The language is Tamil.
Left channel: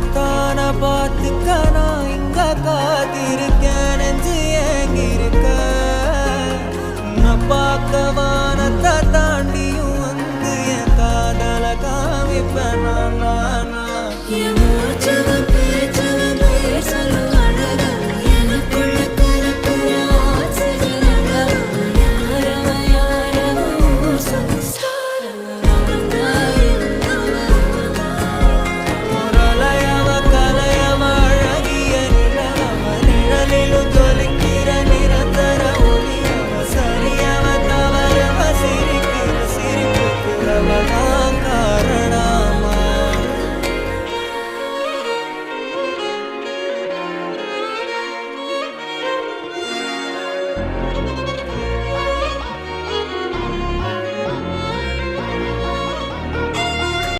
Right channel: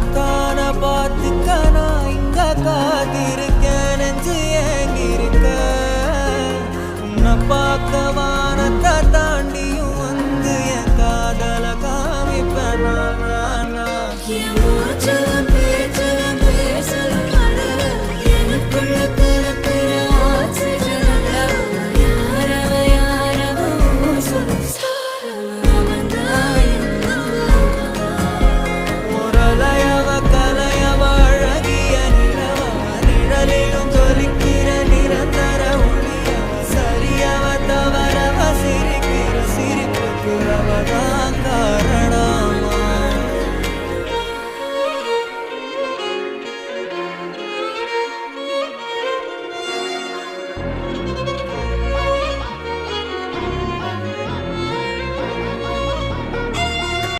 உன்னத்தான பார்த்துக்க நான் இங்க காத்திருக்கேன் நெஞ்சு ஏங்கிருக்க உன்னை பார்க்க வானத்தை தாண்டியும் வந்து என் காதல காமிப்பேன் நான் நிரந்தர ஒளியவ சரியவ தவறவ சிரிக்கிற சிரிப்புக்கு அவதான்